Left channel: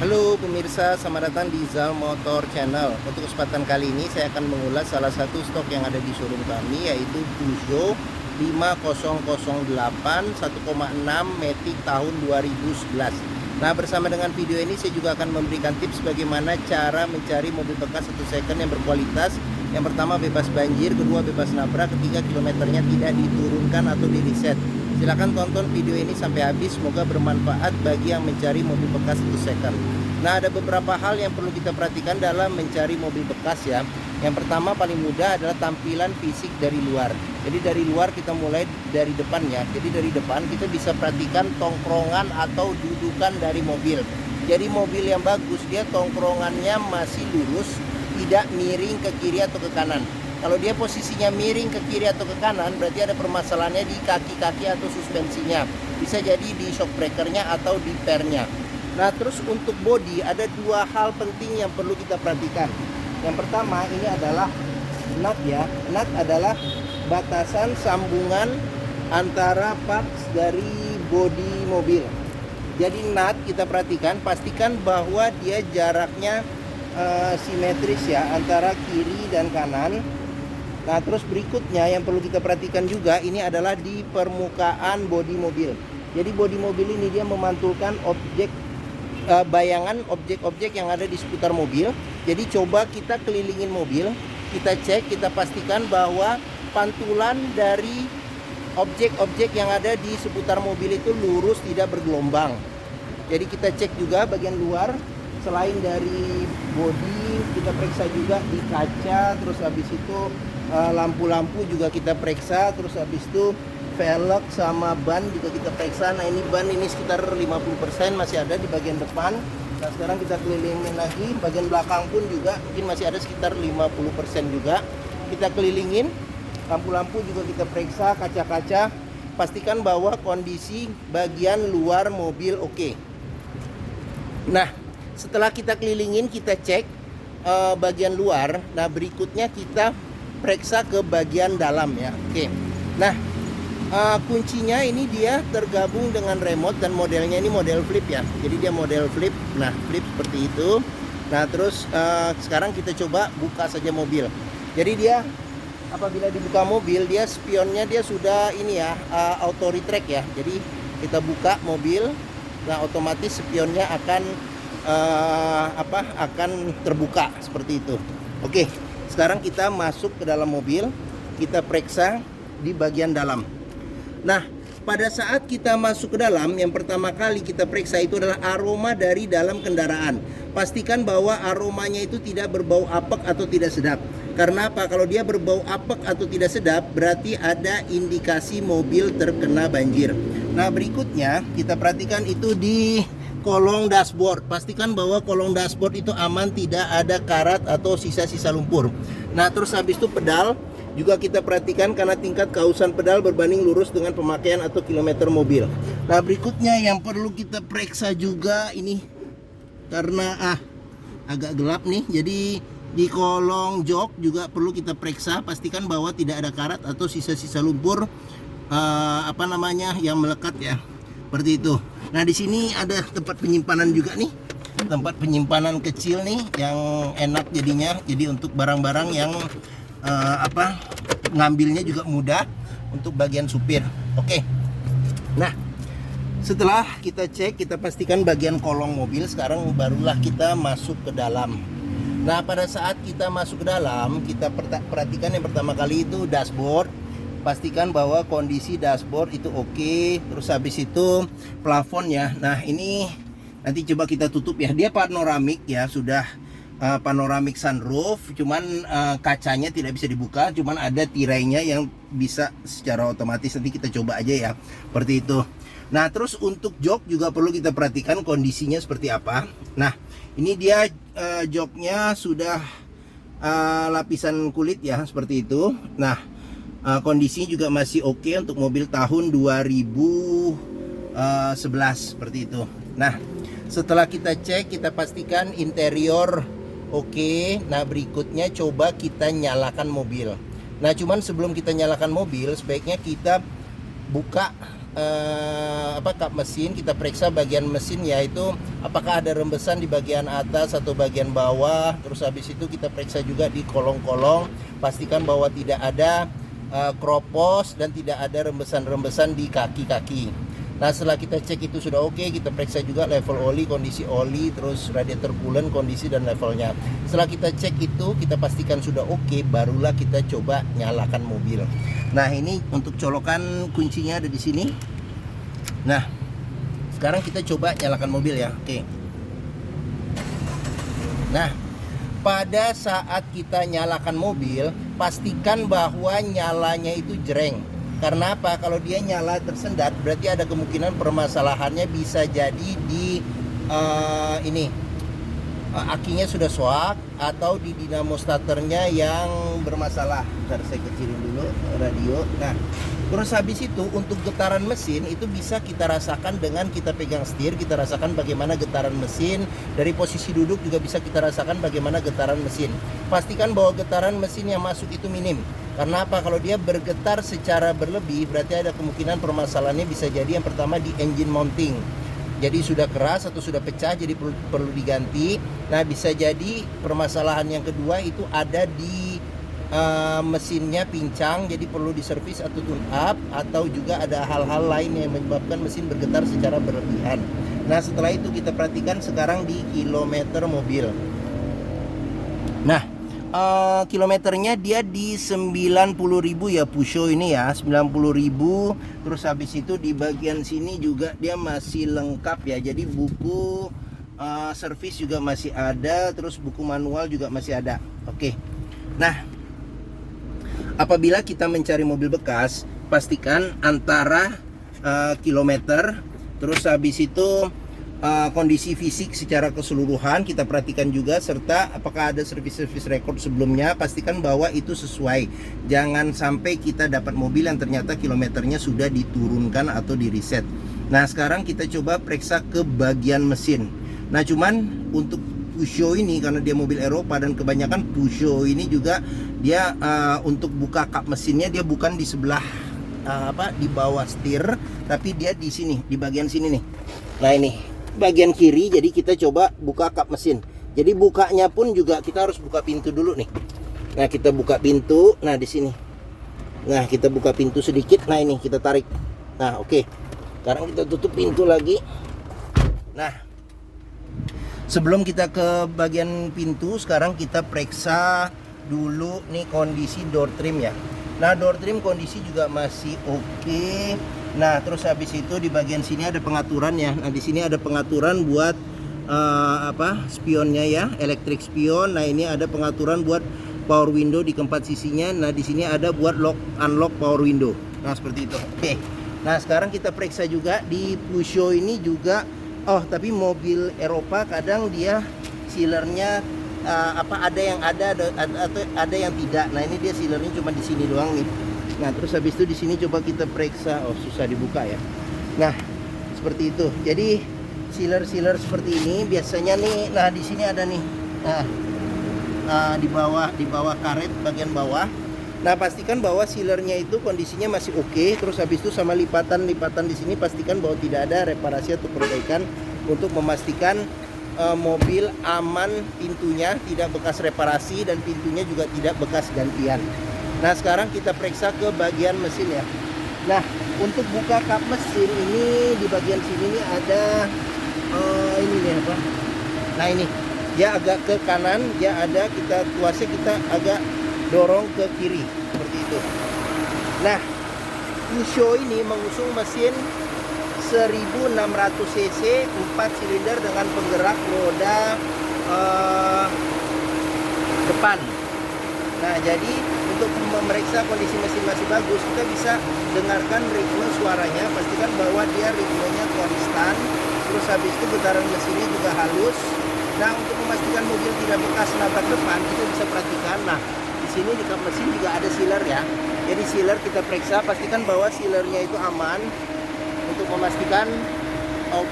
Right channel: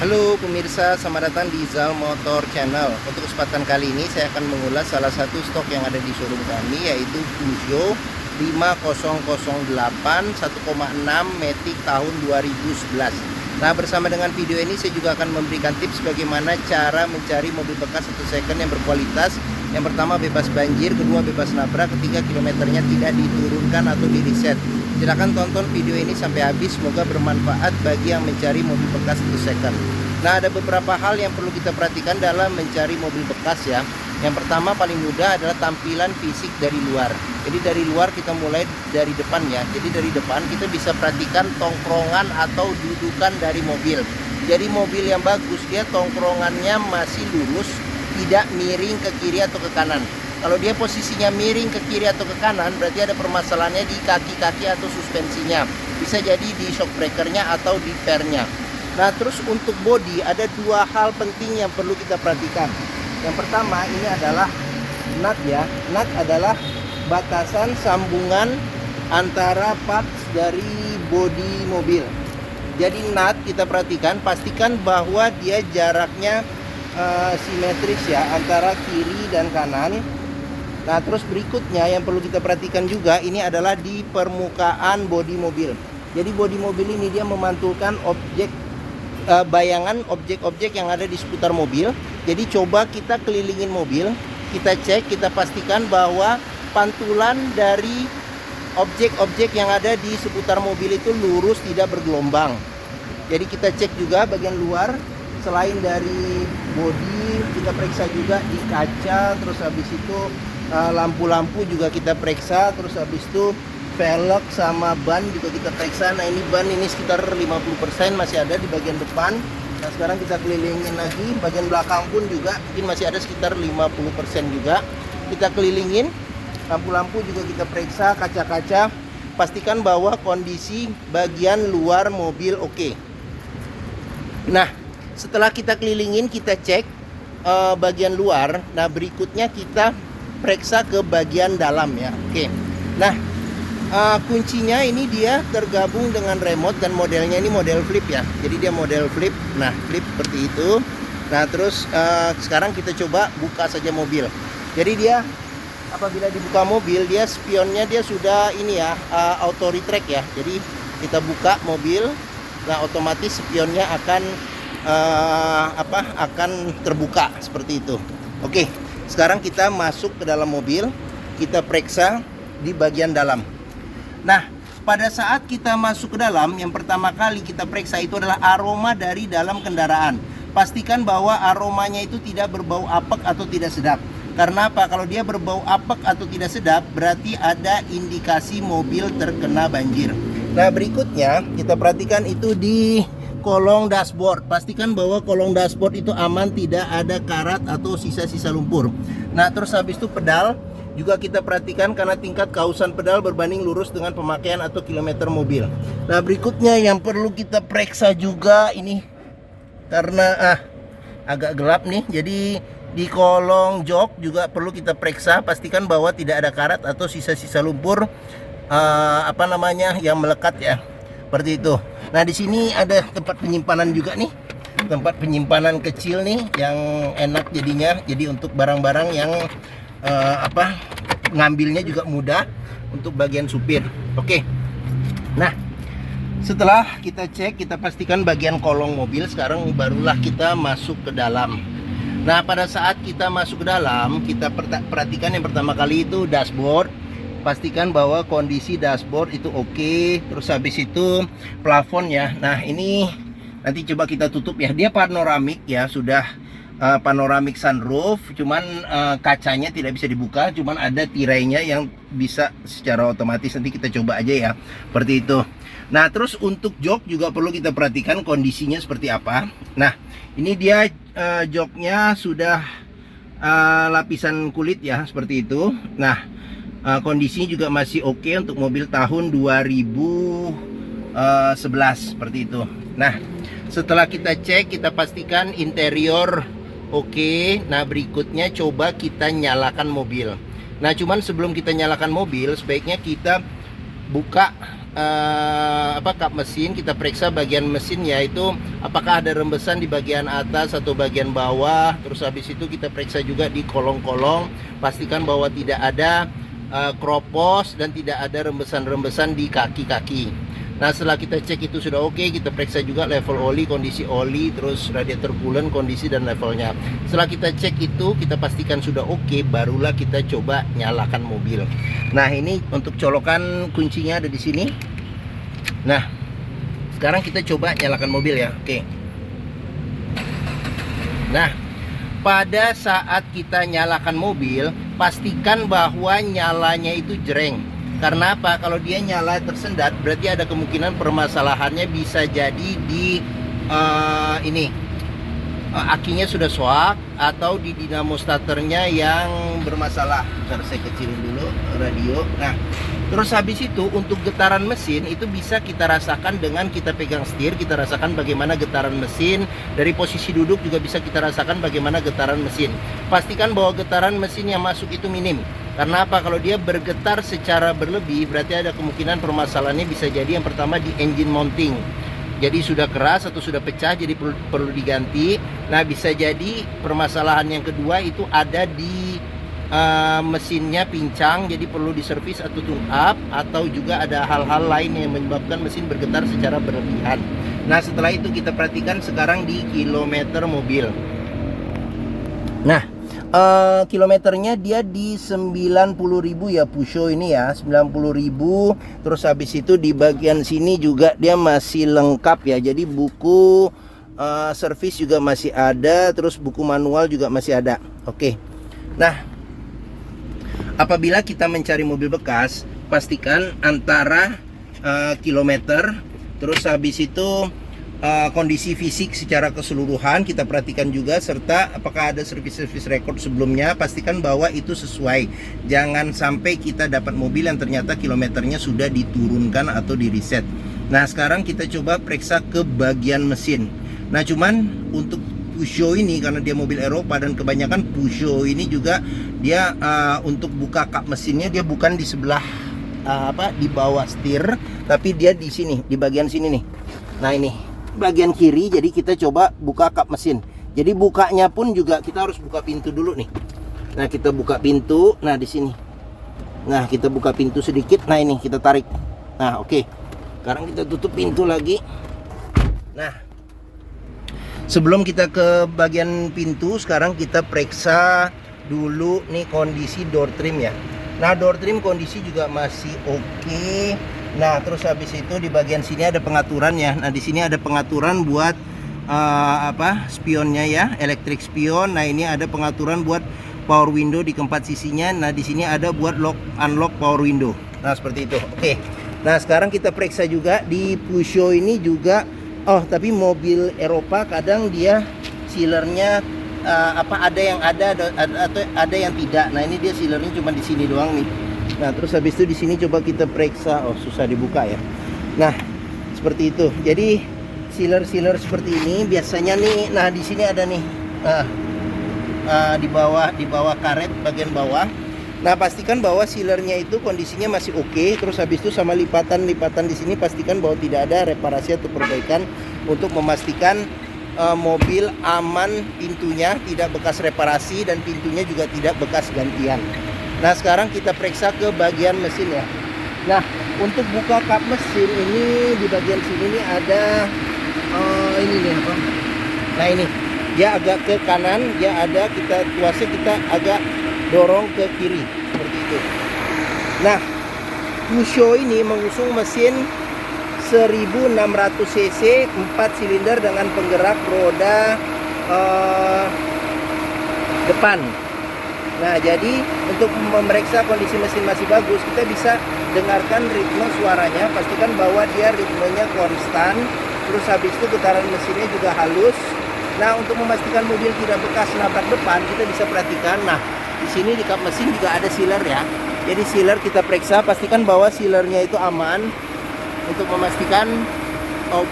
Halo pemirsa, selamat datang di Zal Motor Channel. Untuk kesempatan kali ini saya akan mengulas salah satu stok yang ada di showroom kami, yaitu Peugeot 5008 1,6 Matic tahun 2011. Nah, bersama dengan video ini saya juga akan memberikan tips bagaimana cara mencari mobil bekas atau second yang berkualitas. Yang pertama bebas banjir, kedua bebas nabrak, ketiga kilometernya tidak diturunkan atau di reset. Silahkan tonton video ini sampai habis, semoga bermanfaat bagi yang mencari mobil bekas atau second. Nah, ada beberapa hal yang perlu kita perhatikan dalam mencari mobil bekas ya. Yang pertama paling mudah adalah tampilan fisik dari luar. Jadi dari luar kita mulai dari depan ya. Jadi dari depan kita bisa perhatikan tongkrongan atau dudukan dari mobil. Jadi mobil yang bagus dia tongkrongannya masih lurus, tidak miring ke kiri atau ke kanan. Kalau dia posisinya miring ke kiri atau ke kanan, berarti ada permasalahannya di kaki-kaki atau suspensinya. Bisa jadi di shock breakernya atau di pernya. Nah, terus untuk bodi ada dua hal penting yang perlu kita perhatikan. Yang pertama ini adalah nut ya. Nut adalah batasan sambungan antara parts dari bodi mobil. Jadi nut kita perhatikan, pastikan bahwa dia jaraknya simetris ya antara kiri dan kanan. Nah, terus berikutnya yang perlu kita perhatikan juga ini adalah di permukaan bodi mobil. Jadi bodi mobil ini dia memantulkan bayangan objek-objek yang ada di seputar mobil. Jadi coba kita kelilingin mobil, kita cek, kita pastikan bahwa pantulan dari objek-objek yang ada di seputar mobil itu lurus, tidak bergelombang. Jadi kita cek juga bagian luar. Selain dari bodi, kita periksa juga di kaca, terus habis itu lampu-lampu juga kita periksa, terus habis itu velg sama ban juga kita periksa. Nah, ini ban ini sekitar 50% masih ada di bagian depan. Nah, sekarang kita kelilingin lagi, bagian belakang pun juga mungkin masih ada sekitar 50% juga. Kita kelilingin, lampu-lampu juga kita periksa, kaca-kaca, pastikan bahwa kondisi bagian luar mobil oke. Nah, setelah kita kelilingin, kita cek bagian luar. Nah, berikutnya kita periksa ke bagian dalam ya. Oke. Nah, kuncinya ini dia tergabung dengan remote dan modelnya ini model flip ya. Jadi dia model flip. Nah, flip seperti itu. Nah, terus sekarang kita coba buka saja mobil. Jadi dia apabila dibuka mobil, dia spionnya dia sudah ini ya, auto retract ya. Jadi kita buka mobil, nah otomatis spionnya akan akan terbuka seperti itu. Oke, sekarang kita masuk ke dalam mobil, kita periksa di bagian dalam. Nah, pada saat kita masuk ke dalam, yang pertama kali kita periksa itu adalah aroma dari dalam kendaraan. Pastikan bahwa aromanya itu tidak berbau apek atau tidak sedap. Karena apa? Kalau dia berbau apek atau tidak sedap, berarti ada indikasi mobil terkena banjir. Nah, berikutnya kita perhatikan itu di kolong dashboard. Pastikan bahwa kolong dashboard itu aman, tidak ada karat atau sisa-sisa lumpur. Nah, terus habis itu pedal juga kita perhatikan karena tingkat kausan pedal berbanding lurus dengan pemakaian atau kilometer mobil. Nah, berikutnya yang perlu kita periksa juga ini karena agak gelap nih, jadi di kolong jok juga perlu kita periksa, pastikan bahwa tidak ada karat atau sisa-sisa lumpur yang melekat ya. Seperti itu. Nah, di sini ada tempat penyimpanan juga nih. Tempat penyimpanan kecil nih yang enak jadinya. Jadi untuk barang-barang yang ngambilnya juga mudah untuk bagian supir. Oke. Nah, setelah kita cek, kita pastikan bagian kolong mobil, sekarang barulah kita masuk ke dalam. Nah, pada saat kita masuk ke dalam, kita perhatikan yang pertama kali itu dashboard. Pastikan bahwa kondisi dashboard itu oke. Terus habis itu plafon ya. Nah, ini nanti coba kita tutup ya. Dia panoramik ya, sudah panoramik sunroof. Cuman kacanya tidak bisa dibuka, cuman ada tirainya yang bisa secara otomatis. Nanti kita coba aja ya. Seperti itu. Nah, terus untuk jok juga perlu kita perhatikan kondisinya seperti apa. Nah, ini dia joknya sudah lapisan kulit ya, seperti itu. Nah, kondisinya juga masih oke untuk mobil tahun 2011 seperti itu. Nah, setelah kita cek, kita pastikan interior oke. Nah, berikutnya coba kita nyalakan mobil. Nah, cuman sebelum kita nyalakan mobil, sebaiknya kita buka kap mesin, kita periksa bagian mesin, yaitu apakah ada rembesan di bagian atas atau bagian bawah. Terus habis itu kita periksa juga di kolong-kolong, pastikan bahwa tidak ada kropos dan tidak ada rembesan-rembesan di kaki-kaki. Nah, setelah kita cek itu sudah oke, kita periksa juga level oli, kondisi oli, terus radiator coolant, kondisi dan levelnya. Setelah kita cek itu, kita pastikan sudah oke, barulah kita coba nyalakan mobil. Nah, ini untuk colokan kuncinya ada di sini. Nah, sekarang kita coba nyalakan mobil ya. Oke. Nah, pada saat kita nyalakan mobil, pastikan bahwa nyalanya itu jreng. Karena apa? Kalau dia nyala tersendat, berarti ada kemungkinan permasalahannya bisa jadi di akinya sudah shock atau di dinamo starternya yang bermasalah. Bentar, saya kecilin dulu radio. Nah, terus habis itu untuk getaran mesin itu bisa kita rasakan dengan kita pegang setir, kita rasakan bagaimana getaran mesin. Dari posisi duduk juga bisa kita rasakan bagaimana getaran mesin. Pastikan bahwa getaran mesin yang masuk itu minim. Karena apa? Kalau dia bergetar secara berlebih, berarti ada kemungkinan permasalahannya bisa jadi yang pertama di engine mounting. Jadi sudah keras atau sudah pecah, jadi perlu diganti. Nah, bisa jadi permasalahan yang kedua itu ada di mesinnya pincang, jadi perlu diservis atau tune up, atau juga ada hal-hal lain yang menyebabkan mesin bergetar secara berlebihan. Nah, setelah itu kita perhatikan sekarang di kilometer mobil. Nah, kilometernya dia di 90.000 ya, Pusho ini ya, 90.000. Terus habis itu di bagian sini juga dia masih lengkap ya. Jadi buku servis juga masih ada, terus buku manual juga masih ada. Oke. Nah, apabila kita mencari mobil bekas, pastikan antara kilometer, terus habis itu kondisi fisik secara keseluruhan kita perhatikan juga, serta apakah ada servis-servis record sebelumnya. Pastikan bahwa itu sesuai. Jangan sampai kita dapat mobil yang ternyata kilometernya sudah diturunkan atau di reset. Nah, sekarang kita coba periksa ke bagian mesin. Nah, cuman untuk Pusho ini karena dia mobil Eropa dan kebanyakan Pusho ini juga dia untuk buka kap mesinnya dia bukan di sebelah di bawah setir, tapi dia di sini, di bagian sini nih. Nah, ini bagian kiri, jadi kita coba buka kap mesin. Jadi bukanya pun juga kita harus buka pintu dulu nih. Nah, kita buka pintu. Nah, di sini. Nah, kita buka pintu sedikit. Nah, ini kita tarik. Nah, oke. Sekarang kita tutup pintu lagi. Nah, sebelum kita ke bagian pintu, sekarang kita periksa dulu nih kondisi door trim ya. Nah, door trim kondisi juga masih oke. Nah, terus habis itu di bagian sini ada pengaturan ya. Nah, di sini ada pengaturan buat spionnya ya, elektrik spion. Nah, ini ada pengaturan buat power window di keempat sisinya. Nah, di sini ada buat lock unlock power window. Nah, seperti itu. Oke. Nah, sekarang kita periksa juga di Pusho ini juga. Oh, tapi mobil Eropa kadang dia sealernya ada yang ada atau ada yang tidak. Nah, ini dia sealernya cuma di sini doang nih. Nah, terus habis itu di sini coba kita periksa. Oh, susah dibuka ya. Nah, seperti itu. Jadi sealer seperti ini biasanya nih. Nah, di sini ada nih. Nah, di bawah karet bagian bawah. Nah, pastikan bahwa sealernya itu kondisinya masih oke. Terus habis itu sama lipatan di sini pastikan bahwa tidak ada reparasi atau perbaikan untuk memastikan mobil aman, pintunya tidak bekas reparasi dan pintunya juga tidak bekas gantian. Nah, sekarang kita periksa ke bagian mesin ya. Nah, untuk buka kap mesin ini di bagian sini nih ada ini nih apa? Nah, ini dia agak ke kanan, dia ada kita kuasa kita agak dorong ke kiri seperti itu. Nah, Pusho ini mengusung mesin 1600 cc 4 silinder dengan penggerak roda depan. Nah, jadi untuk memeriksa kondisi mesin masih bagus, kita bisa dengarkan ritme suaranya. Pastikan bahwa dia ritmenya konstan. Terus habis itu getaran mesinnya juga halus. Nah, untuk memastikan mobil tidak bekas nabrak depan, kita bisa perhatikan. Nah, di sini di kap mesin juga ada sealer ya. Jadi sealer kita periksa, pastikan bahwa sealernya itu aman untuk memastikan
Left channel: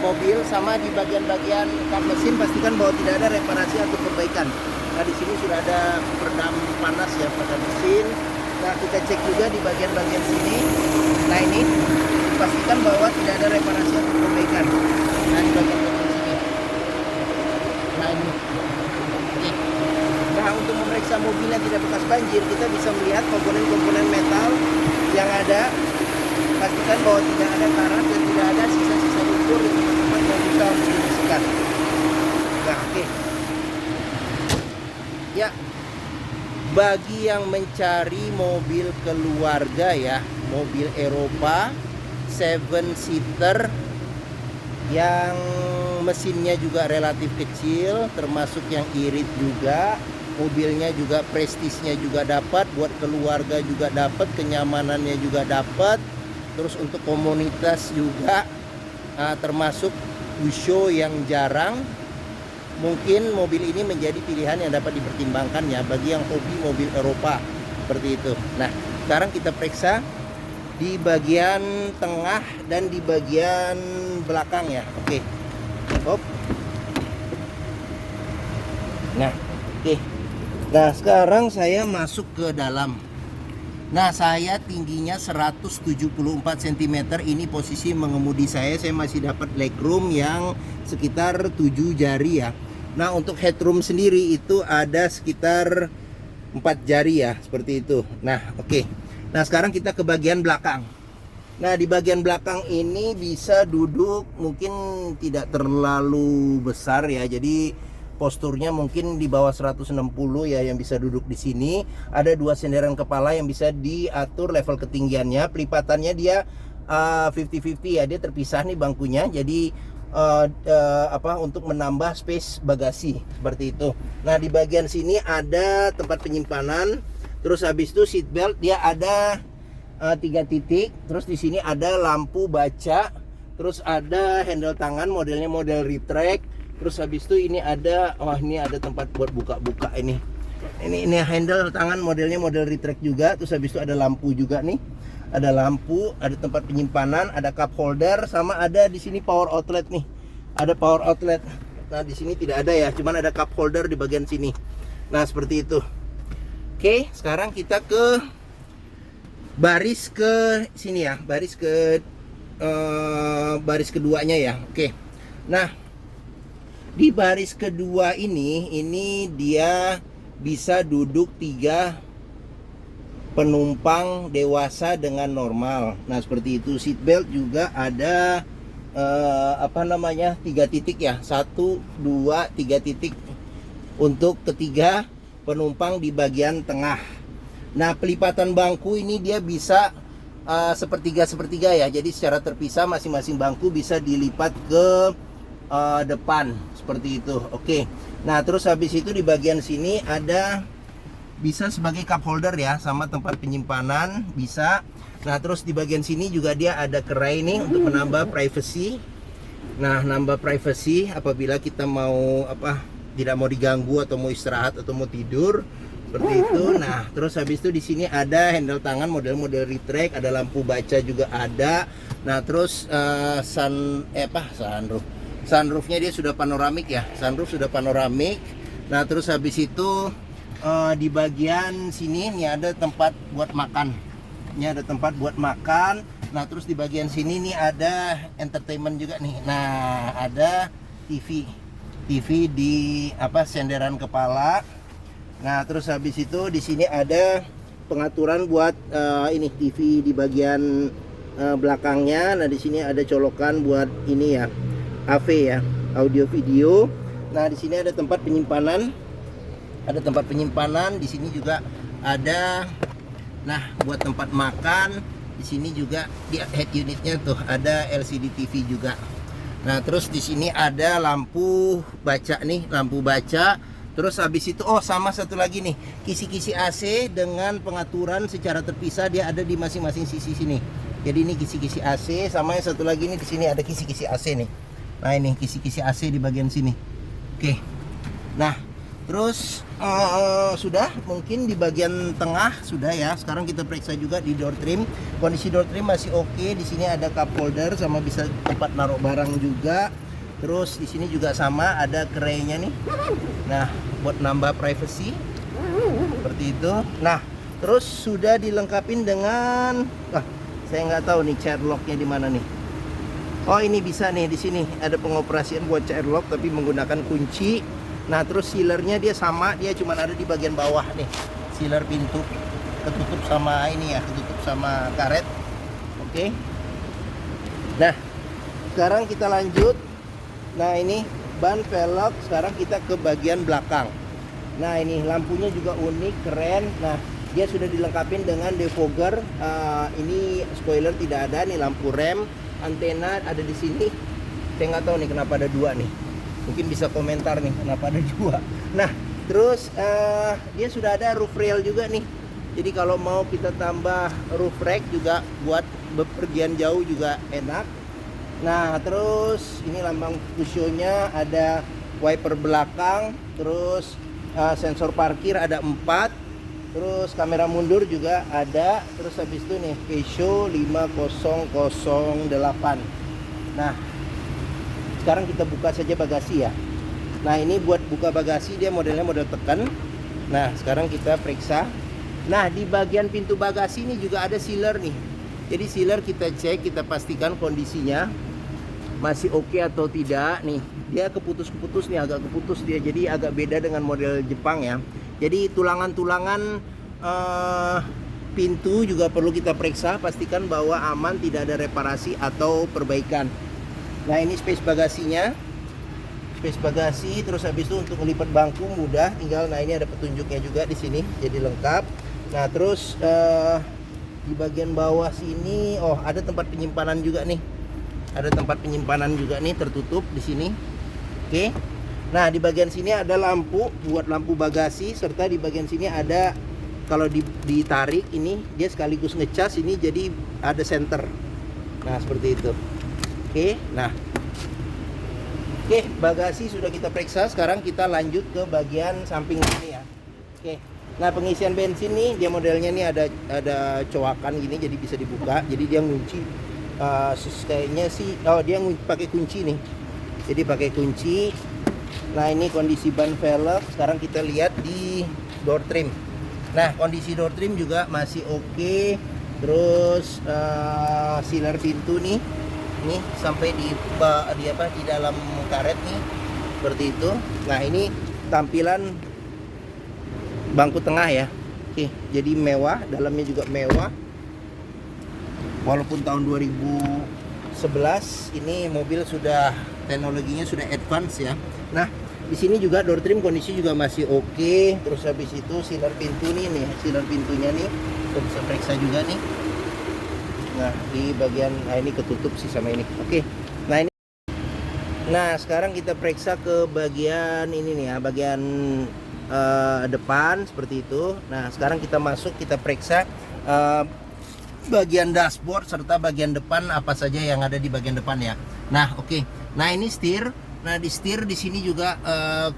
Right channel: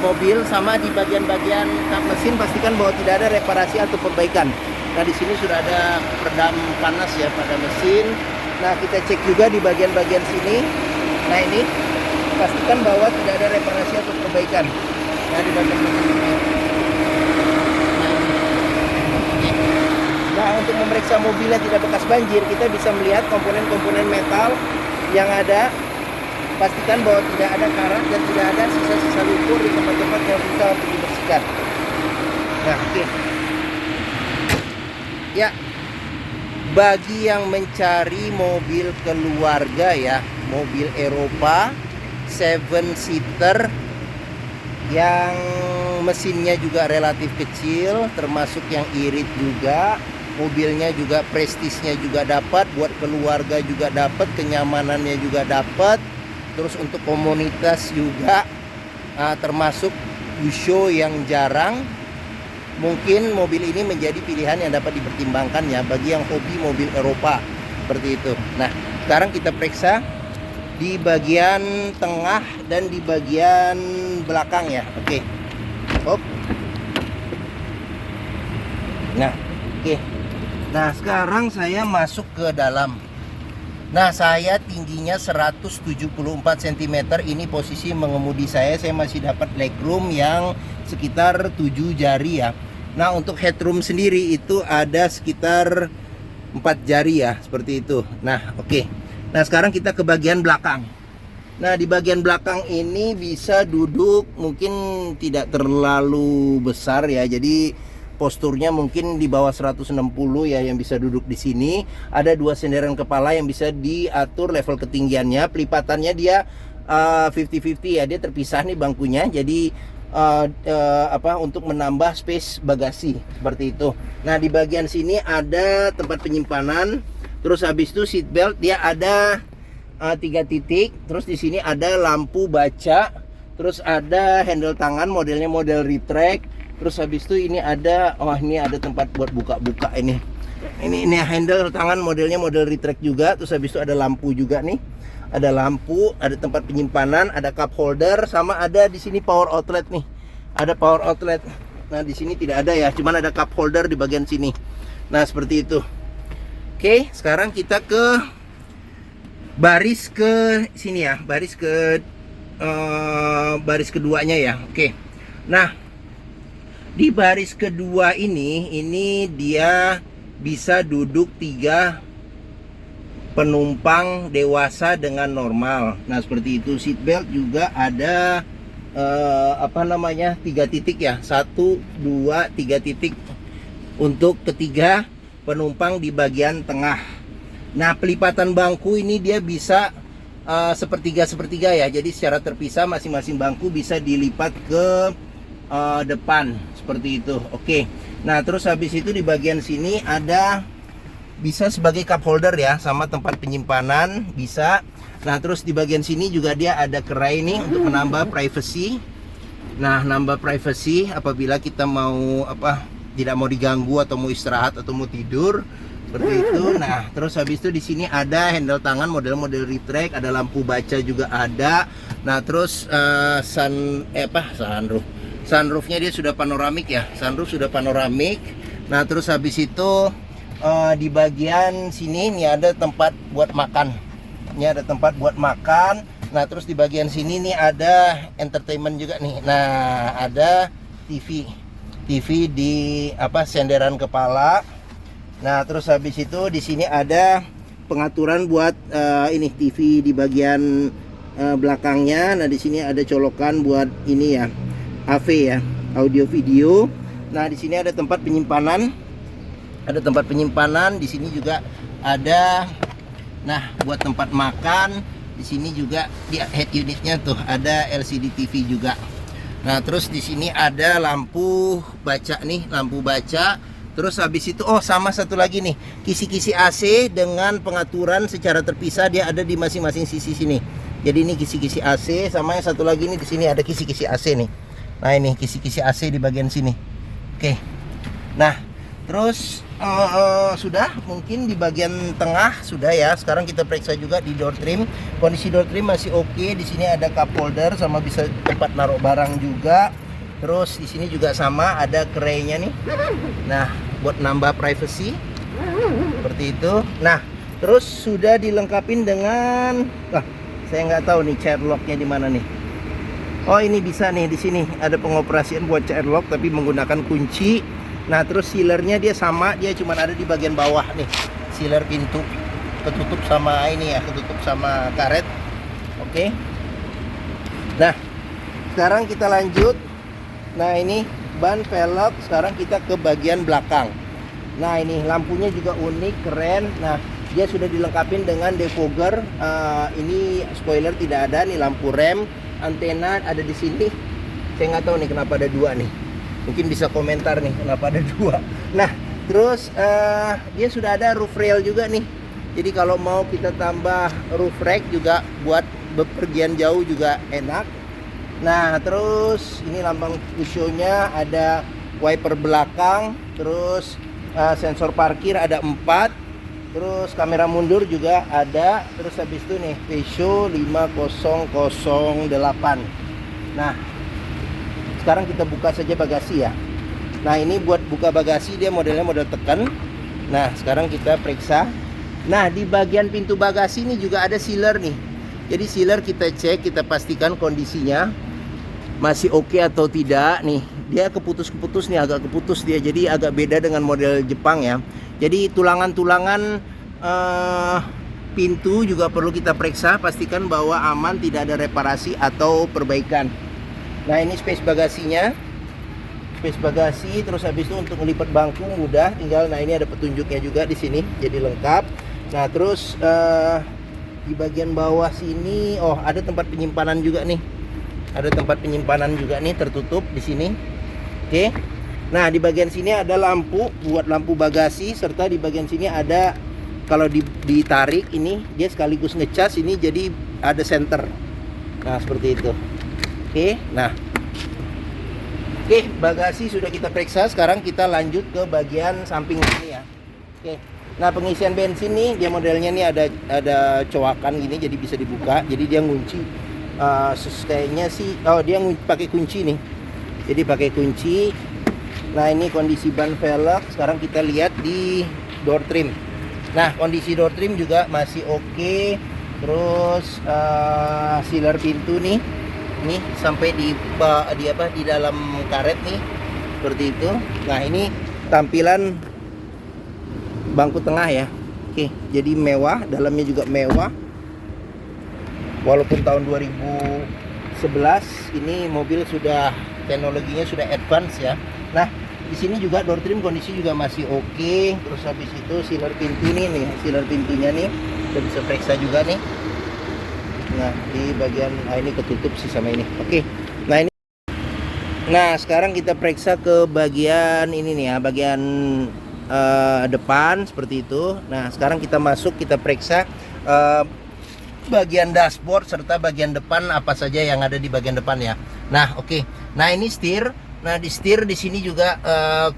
mobil. Sama di bagian-bagian kap mesin pastikan bahwa tidak ada reparasi atau perbaikan. Nah, di sini sudah ada peredam panas ya pada mesin. Nah, kita cek juga di bagian-bagian sini. Nah, ini pastikan bahwa tidak ada reparasi atau perbaikan. Nah, di bagian ini. Nah, untuk memeriksa mobil yang tidak bekas banjir, kita bisa melihat komponen-komponen metal yang ada. Pastikan bahwa tidak ada karat dan tidak ada sisa-sisa lumpur di tempat-tempat yang bisa dibersihkan. Nah, oke. Ya, bagi yang mencari mobil keluarga ya, mobil Eropa 7-seater yang mesinnya juga relatif kecil, termasuk yang irit juga, mobilnya juga prestisnya juga dapat, buat keluarga juga dapat, kenyamanannya juga dapat. Terus untuk komunitas juga termasuk show yang jarang, mungkin mobil ini menjadi pilihan yang dapat dipertimbangkan ya bagi yang hobi mobil Eropa seperti itu. Nah, sekarang kita periksa di bagian tengah dan di bagian belakang ya. Oke. Hop. Nah, oke. Nah, sekarang saya masuk ke dalam. Nah, saya tingginya 174 cm. Ini posisi mengemudi saya masih dapat legroom yang sekitar 7 jari ya. Nah, untuk headroom sendiri itu ada sekitar 4 jari ya, seperti itu. Nah, oke. Nah, sekarang kita ke bagian belakang. Nah, di bagian belakang ini bisa duduk mungkin tidak terlalu besar ya. Jadi posturnya mungkin di bawah 160 ya, yang bisa duduk di sini. Ada 2 senderan kepala yang bisa diatur level ketinggiannya. Pelipatannya dia 50-50 ya, dia terpisah nih bangkunya. Jadi untuk menambah space bagasi seperti itu. Nah, di bagian sini ada tempat penyimpanan. Terus habis itu seat belt dia ada 3 titik. Terus di sini ada lampu baca. Terus ada handle tangan, modelnya model retract. Terus habis itu ini ada, ini ada tempat buat buka-buka ini. Ini handle tangan modelnya model retract juga. Terus habis itu ada lampu juga nih. Ada lampu, ada tempat penyimpanan, ada cup holder, sama ada di sini power outlet nih. Ada power outlet. Nah, di sini tidak ada ya, cuman ada cup holder di bagian sini. Nah, seperti itu. Oke, sekarang kita ke baris ke sini ya, baris keduanya ya. Oke. Nah, di baris kedua ini dia bisa duduk 3 penumpang dewasa dengan normal. Nah, seperti itu. Seat belt juga ada 3 titik ya. 1, 2, 3 titik untuk ketiga penumpang di bagian tengah. Nah, pelipatan bangku ini dia bisa sepertiga ya. Jadi secara terpisah masing-masing bangku bisa dilipat ke depan seperti itu. Oke. Nah, terus habis itu di bagian sini ada bisa sebagai cup holder ya, sama tempat penyimpanan bisa. Nah, terus di bagian sini juga dia ada kerai nih untuk menambah privacy. Nah, nambah privacy apabila kita mau tidak mau diganggu atau mau istirahat atau mau tidur seperti itu. Nah, terus habis itu di sini ada handle tangan model-model retract, ada lampu baca juga ada. Nah, terus sunroofnya dia sudah panoramik ya. Sunroof sudah panoramik. Nah, terus habis itu di bagian sini nih ada tempat buat makan. Ini ada tempat buat makan. Nah, terus di bagian sini nih ada entertainment juga nih. Nah, ada TV di senderan kepala. Nah, terus habis itu di sini ada pengaturan buat ini TV di bagian belakangnya. Nah, di sini ada colokan buat ini ya, AV ya, audio video. Nah, di sini ada tempat penyimpanan. Ada tempat penyimpanan, di sini juga ada buat tempat makan. Di sini juga di head unitnya tuh ada LCD TV juga. Nah, terus di sini ada lampu baca nih, lampu baca. Terus habis itu sama satu lagi nih, kisi-kisi AC dengan pengaturan secara terpisah, dia ada di masing-masing sisi sini. Jadi ini kisi-kisi AC, sama yang satu lagi nih di sini ada kisi-kisi AC nih. Nah, ini kisi-kisi AC di bagian sini. Oke. Nah, terus sudah mungkin di bagian tengah sudah ya. Sekarang kita periksa juga di door trim. Kondisi door trim masih oke. Di sini ada cup holder sama bisa tempat naruh barang juga. Terus di sini juga sama ada kerainya nih. Nah, buat nambah privacy seperti itu. Nah, terus sudah dilengkapin dengan Saya nggak tahu nih child locknya di mana nih. Oh, ini bisa nih, di sini ada pengoperasian buat child lock tapi menggunakan kunci. Nah, terus sealernya dia sama, dia cuma ada di bagian bawah nih. Sealer pintu ketutup sama ini ya, ketutup sama karet. Oke. Nah, sekarang kita lanjut. Nah, ini ban velg. Sekarang kita ke bagian belakang. Nah, ini lampunya juga unik, keren. Nah, dia sudah dilengkapi dengan defogger. Ini spoiler tidak ada nih, lampu rem, antena ada di sini. Saya nggak tahu nih kenapa ada dua nih. Mungkin bisa komentar nih kenapa ada dua. Nah, terus dia sudah ada roof rail juga nih. Jadi kalau mau kita tambah roof rack juga buat bepergian jauh juga enak. Nah, terus ini lambang show-nya, ada wiper belakang, terus sensor parkir ada 4, terus kamera mundur juga ada, terus habis itu nih Peugeot 5008. Nah, sekarang kita buka saja bagasi ya. Nah, ini buat buka bagasi dia modelnya model tekan. Nah, sekarang kita periksa. Nah, di bagian pintu bagasi ini juga ada sealer nih. Jadi sealer kita cek, kita pastikan kondisinya masih oke atau tidak nih. Dia keputus-keputus nih, agak keputus dia. Jadi agak beda dengan model Jepang ya. Jadi tulangan-tulangan pintu juga perlu kita periksa, pastikan bahwa aman, tidak ada reparasi atau perbaikan. Nah, ini space bagasinya. Space bagasi, terus habis itu untuk melipat bangku mudah, tinggal, nah ini ada petunjuknya juga di sini, jadi lengkap. Nah, terus di bagian bawah sini, oh ada tempat penyimpanan juga nih. Ada tempat penyimpanan juga nih, tertutup di sini. Oke. Nah, di bagian sini ada lampu buat lampu bagasi, serta di bagian sini ada, kalau ditarik ini dia sekaligus ngecas ini, jadi ada senter. Nah, seperti itu. Oke. Nah, oke, bagasi sudah kita periksa. Sekarang kita lanjut ke bagian samping sini ya. Oke. Nah, pengisian bensin nih, dia modelnya nih ada coakan gini, jadi bisa dibuka. Jadi dia ngunci. Kayaknya sih, oh dia pakai kunci nih. Jadi pakai kunci. Nah, ini kondisi ban velg. Sekarang kita lihat di door trim. Nah, kondisi door trim juga masih oke. Terus sealer pintu nih. Ini sampai di dalam karet nih, seperti itu. Nah, ini tampilan bangku tengah ya. Oke, jadi mewah, dalamnya juga mewah. Walaupun tahun 2011 ini mobil sudah teknologinya sudah advance ya. Nah, di sini juga door trim kondisi juga masih oke. Terus habis itu sealer pintu nih, sealer pintunya nih kita bisa periksa juga nih. Nah, di bagian ini ketutup sih sama ini. Oke. Nah, ini. Nah, sekarang kita periksa ke bagian ini nih ya, bagian depan seperti itu. Nah, sekarang kita masuk, kita periksa bagian dashboard serta bagian depan apa saja yang ada di bagian depan ya. Nah, oke. Nah, ini setir. Nah, di setir di sini juga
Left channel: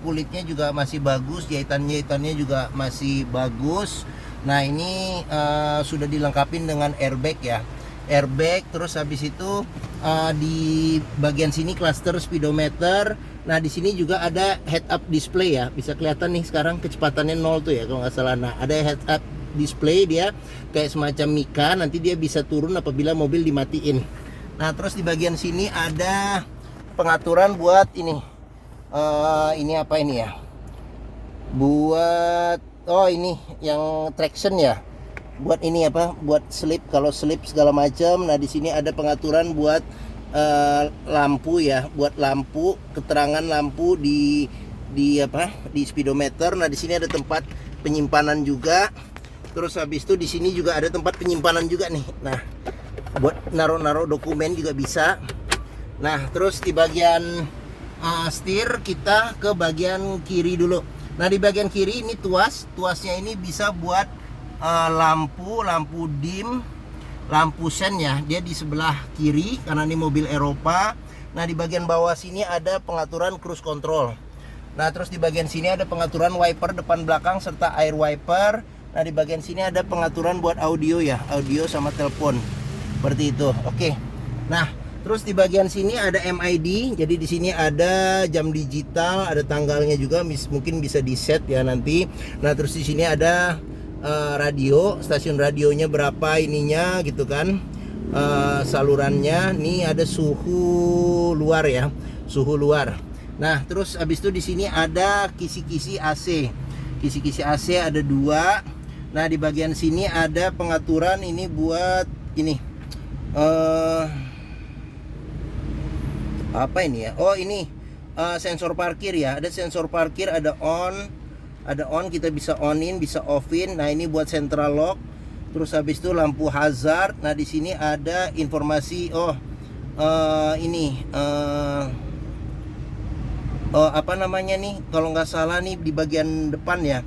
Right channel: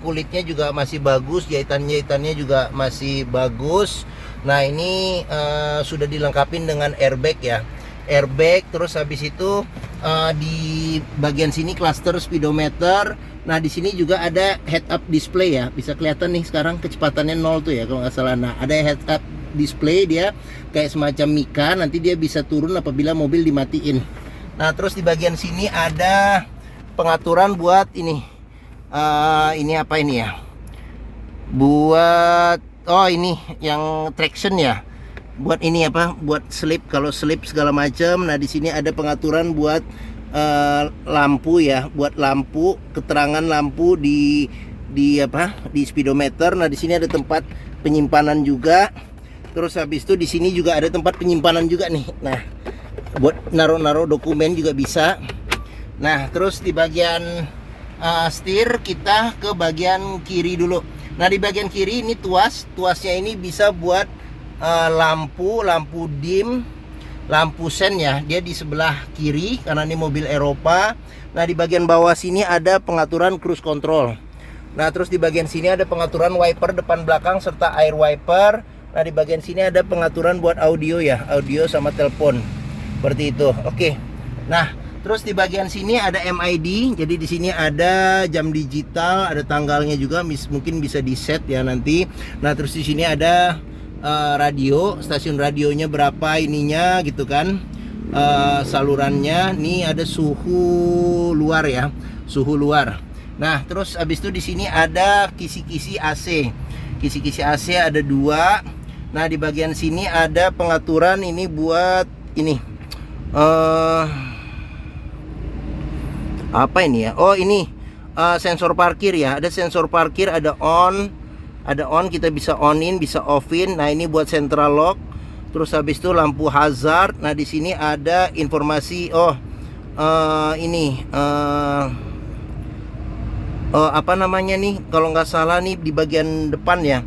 kulitnya juga masih bagus, jahitan-jahitannya juga masih bagus. Nah, ini sudah dilengkapi dengan airbag ya. Airbag, terus habis itu di bagian sini cluster speedometer. Nah, di sini juga ada head up display ya, bisa kelihatan nih sekarang kecepatannya 0 tuh ya kalau nggak salah. Nah, ada head up display, dia kayak semacam Mika, nanti dia bisa turun apabila mobil dimatiin. Nah, terus di bagian sini ada pengaturan buat ini apa ini ya, buat ini yang traction ya. Buat ini apa? Buat slip, kalau slip segala macam. Nah, di sini ada pengaturan buat lampu ya, buat lampu, keterangan lampu di speedometer. Nah, di sini ada tempat penyimpanan juga. Terus habis itu di sini juga ada tempat penyimpanan juga nih. Nah, buat naruh-naruh dokumen juga bisa. Nah, terus di bagian setir kita ke bagian kiri dulu. Nah, di bagian kiri ini tuasnya ini bisa buat lampu dim, lampu sen ya, dia di sebelah kiri karena ini mobil Eropa. Nah, di bagian bawah sini ada pengaturan cruise control. Nah, terus di bagian sini ada pengaturan wiper depan belakang serta air wiper. Nah, di bagian sini ada pengaturan buat audio ya, audio sama telepon. Seperti itu. Oke. Nah, terus di bagian sini ada MID. Jadi di sini ada jam digital, ada tanggalnya juga, mungkin bisa di set ya nanti. Nah, terus di sini ada radio, stasiun radionya berapa ininya gitu kan. salurannya. Nih ada suhu luar ya, suhu luar. Nah, terus habis itu di sini ada kisi-kisi AC. Kisi-kisi AC ada 2. Nah, di bagian sini ada pengaturan ini buat ini. Apa ini ya? Oh, ini sensor parkir ya. Ada sensor parkir, ada on, kita bisa on-in, bisa off-in. Nah, ini buat central lock. Terus habis itu lampu hazard. Nah, di sini ada informasi apa namanya nih, kalau nggak salah nih di bagian depan ya.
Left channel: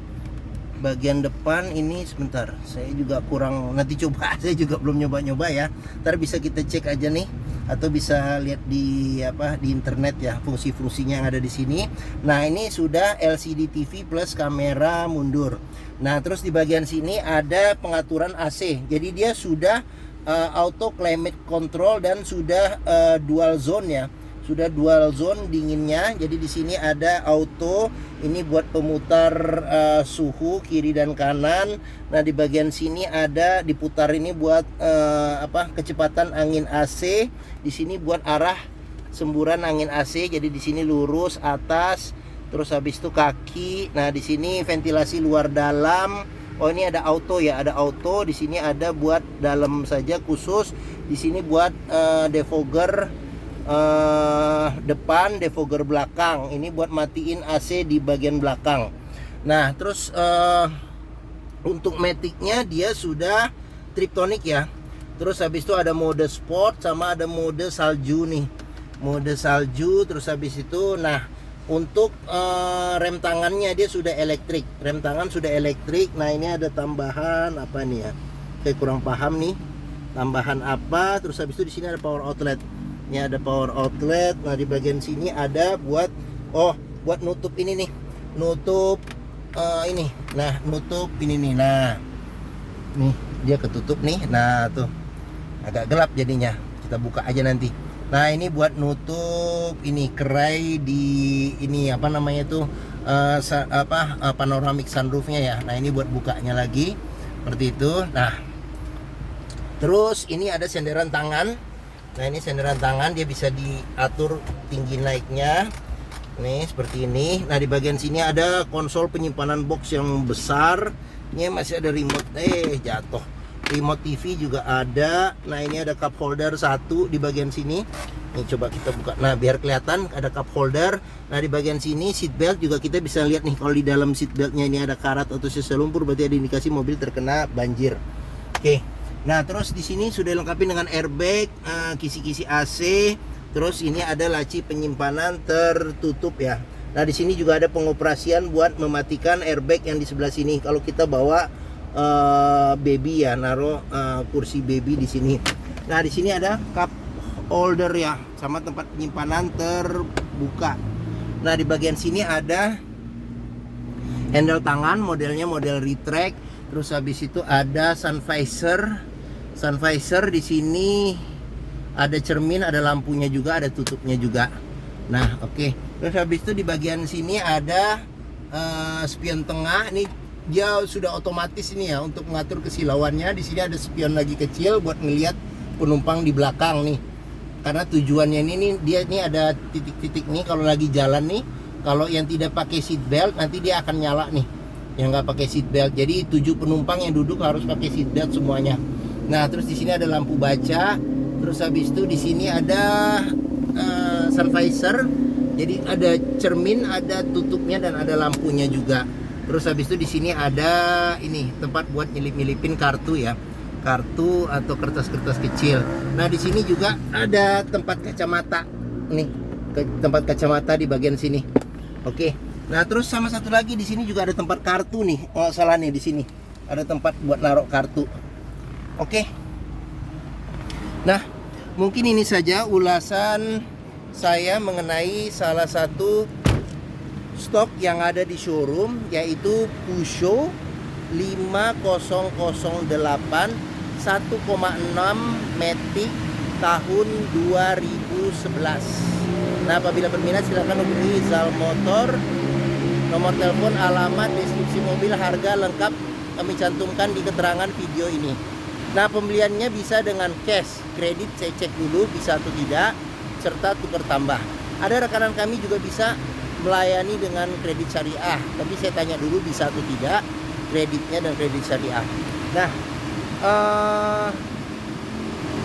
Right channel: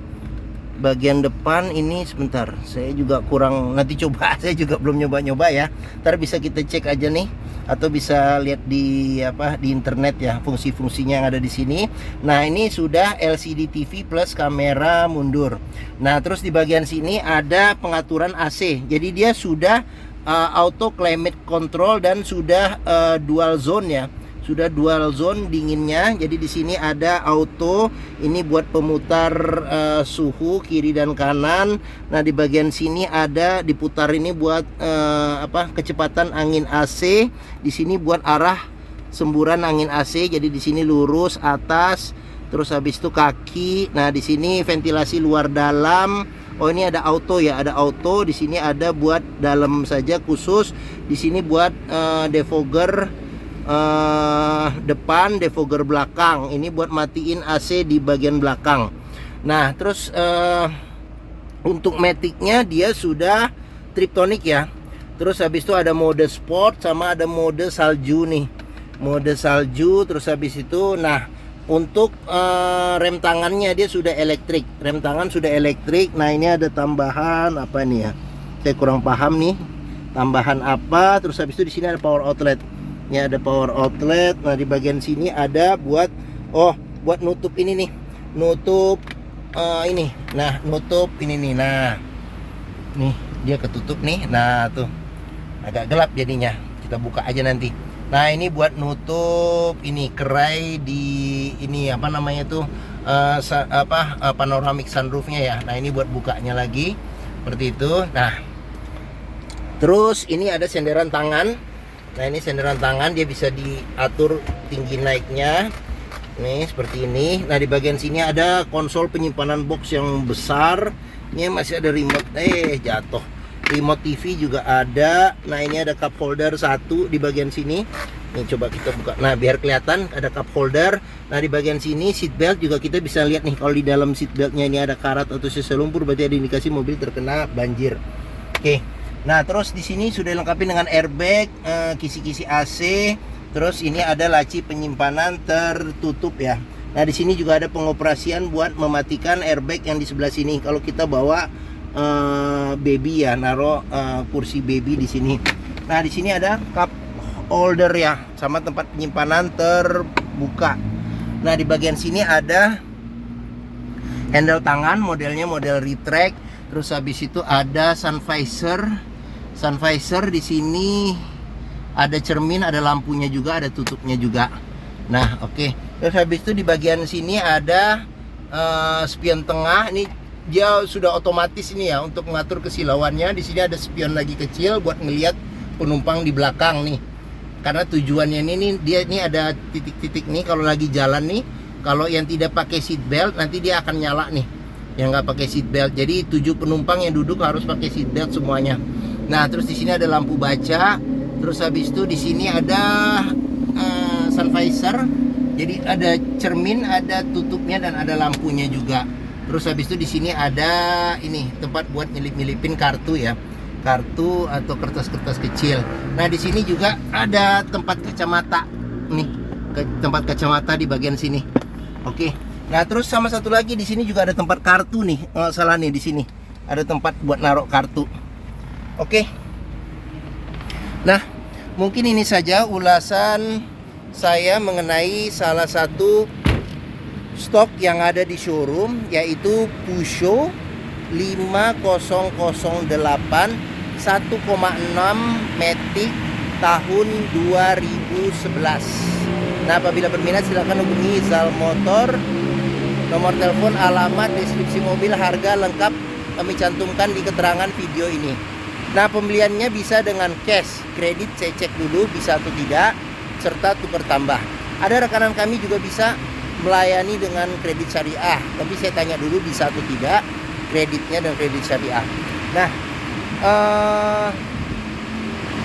Bagian depan ini sebentar, saya juga kurang, nanti coba, saya juga belum nyoba-nyoba ya. Ntar bisa kita cek aja nih, atau bisa lihat di di internet ya, fungsi-fungsinya yang ada di sini. Nah, ini sudah LCD TV plus kamera mundur. Nah, terus di bagian sini ada pengaturan AC. Jadi dia sudah auto climate control dan sudah dual zone ya. Sudah dual zone dinginnya. Jadi di sini ada auto, ini buat pemutar suhu kiri dan kanan. Nah, di bagian sini ada diputar ini buat kecepatan angin AC. Di sini buat arah semburan angin AC. Jadi di sini lurus atas, terus habis itu kaki. Nah, di sini ventilasi luar dalam. Oh, ini ada auto ya, ada auto. Di sini ada buat dalam saja khusus. Di sini buat defogger depan, defogger belakang. Ini buat matiin AC di bagian belakang. Nah, terus untuk maticnya dia sudah Triptonic ya. Terus habis itu ada mode sport sama ada mode salju nih. Mode salju. Terus habis itu untuk rem tangannya dia sudah elektrik. Rem tangan sudah elektrik. Nah, ini ada tambahan apa nih ya? Saya kurang paham nih. Tambahan apa? Terus habis itu di sini ada power outlet. Ini ada power outlet. Nah, di bagian sini ada buat nutup ini nih. Nutup ini. Nah, nutup ini nih. Nah, nih dia ketutup nih. Nah, tuh agak gelap jadinya. Kita buka aja nanti. Nah, ini buat nutup ini kerai di ini apa namanya tuh panoramic sunroofnya ya. Nah, ini buat bukanya lagi seperti itu. Nah, terus ini ada senderan tangan. Nah, ini senderan tangan, dia bisa diatur tinggi naiknya. Nih seperti ini. Nah, di bagian sini ada konsol penyimpanan box yang besar. Ini masih ada remote. Jatuh. Remote TV juga ada. Nah, ini ada cup holder 1 di bagian sini. Nih coba kita buka. Nah, biar kelihatan ada cup holder. Nah, di bagian sini seat belt juga kita bisa lihat nih. Kalau di dalam seat beltnya ini ada karat atau sisa lumpur, berarti ada indikasi mobil terkena banjir. Oke. Nah, terus di sini sudah dilengkapi dengan airbag, kisi-kisi AC. Terus ini ada laci penyimpanan tertutup ya. Nah, di sini juga ada pengoperasian buat mematikan airbag yang di sebelah sini. Kalau kita bawa baby ya, naruh kursi baby di sini. Nah, di sini ada cup holder ya, sama tempat penyimpanan terbuka. Nah, di bagian sini ada handle tangan, modelnya model retract. Terus habis itu ada sun visor di sini, ada cermin, ada lampunya juga, ada tutupnya juga. Nah, oke. Terus habis itu di bagian sini ada spion tengah. Ini dia sudah otomatis ini ya untuk mengatur kesilauannya. Di sini ada spion lagi kecil buat ngelihat penumpang di belakang nih. Karena tujuannya ini dia ini ada titik-titik nih kalau lagi jalan nih. Kalau yang tidak pakai seat belt nanti dia akan nyala nih. Yang nggak pakai seat belt. Jadi 7 penumpang yang duduk harus pakai seat belt semuanya. Nah, terus di sini ada lampu baca. Terus habis itu di sini ada sun visor. Jadi ada cermin, ada tutupnya dan ada lampunya juga. Terus habis itu di sini ada ini tempat buat nyelip-nyelipin kartu ya. Kartu atau kertas-kertas kecil. Nah, di sini juga ada tempat kacamata. Nih, tempat kacamata di bagian sini. Oke. Nah, terus sama satu lagi di sini juga ada tempat kartu nih. Oh, salah nih, di sini ada tempat buat naruh kartu. Oke. Nah, mungkin ini saja ulasan saya mengenai salah satu stok yang ada di showroom, yaitu Peugeot 5008 1,6 Matic tahun 2011. Nah, apabila berminat silakan hubungi Zal Motor. Nomor telepon, alamat, deskripsi mobil, harga lengkap kami cantumkan di keterangan video ini. Nah, pembeliannya bisa dengan cash, kredit saya cek dulu bisa atau tidak, serta tukar tambah. Ada rekanan kami juga bisa melayani dengan kredit syariah, tapi saya tanya dulu bisa atau tidak kreditnya dan kredit syariah. Nah,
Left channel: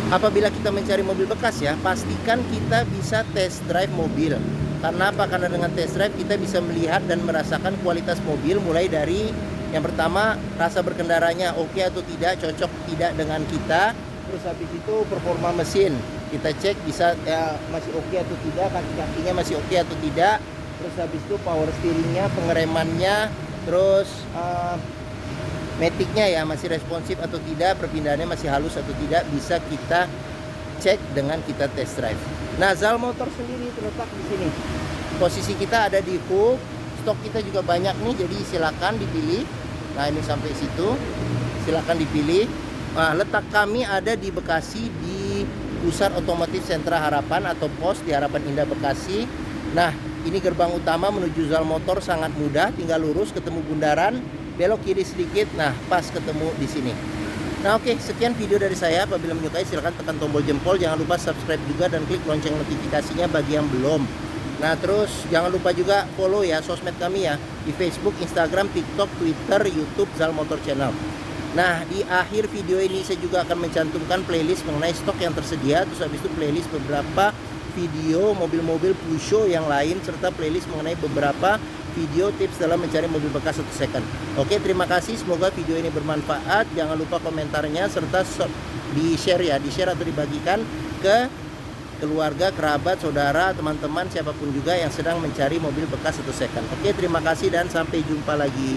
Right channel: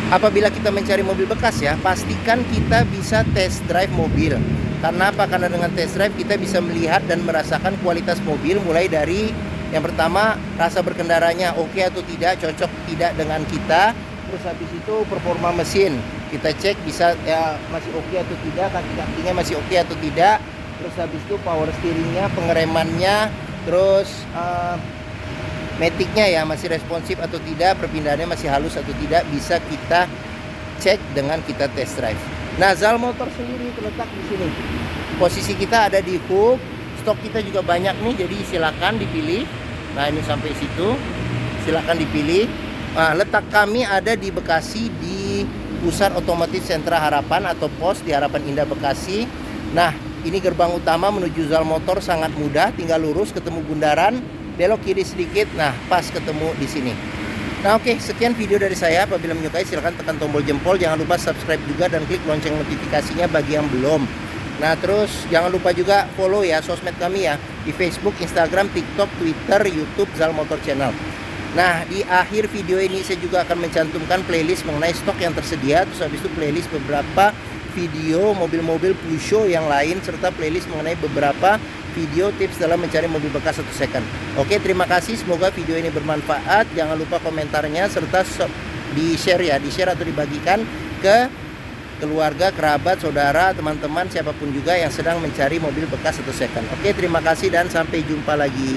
apabila kita mencari mobil bekas ya, pastikan kita bisa test drive mobil. Karena apa? Karena dengan test drive kita bisa melihat dan merasakan kualitas mobil, mulai dari yang pertama rasa berkendaranya oke atau tidak, cocok tidak dengan kita. Terus habis itu performa mesin kita cek bisa ya masih oke atau tidak, kaki-kakinya masih oke atau tidak. Terus habis itu power steeringnya, pengeremannya, terus maticnya ya masih responsif atau tidak, perpindahannya masih halus atau tidak, bisa kita cek dengan kita test drive. Nah, Zal Motor sendiri terletak di sini. Posisi kita ada di hook, stok kita juga banyak nih, jadi silakan dipilih. Nah, ini sampai situ, silakan dipilih. Nah, letak kami ada di Bekasi, di Pusat Otomotif Sentra Harapan atau POS di Harapan Indah Bekasi. Nah, ini gerbang utama menuju Zal Motor, sangat mudah, tinggal lurus ketemu bundaran, belok kiri sedikit, nah pas ketemu di sini. Nah, oke, sekian video dari saya. Apabila menyukai silahkan tekan tombol jempol, jangan lupa subscribe juga dan klik lonceng notifikasinya bagi yang belum. Nah, terus jangan lupa juga follow ya sosmed kami ya, di Facebook, Instagram, TikTok, Twitter, YouTube Zal Motor Channel. Nah, di akhir video ini saya juga akan mencantumkan playlist mengenai stok yang tersedia, terus habis itu playlist beberapa video mobil-mobil Peugeot yang lain, serta playlist mengenai beberapa video tips dalam mencari mobil bekas atau second. Oke, terima kasih, semoga video ini bermanfaat. Jangan lupa komentarnya serta di share ya, di share atau dibagikan ke keluarga, kerabat, saudara, teman-teman, siapapun juga yang sedang mencari mobil bekas atau second. Oke, terima kasih dan sampai jumpa lagi.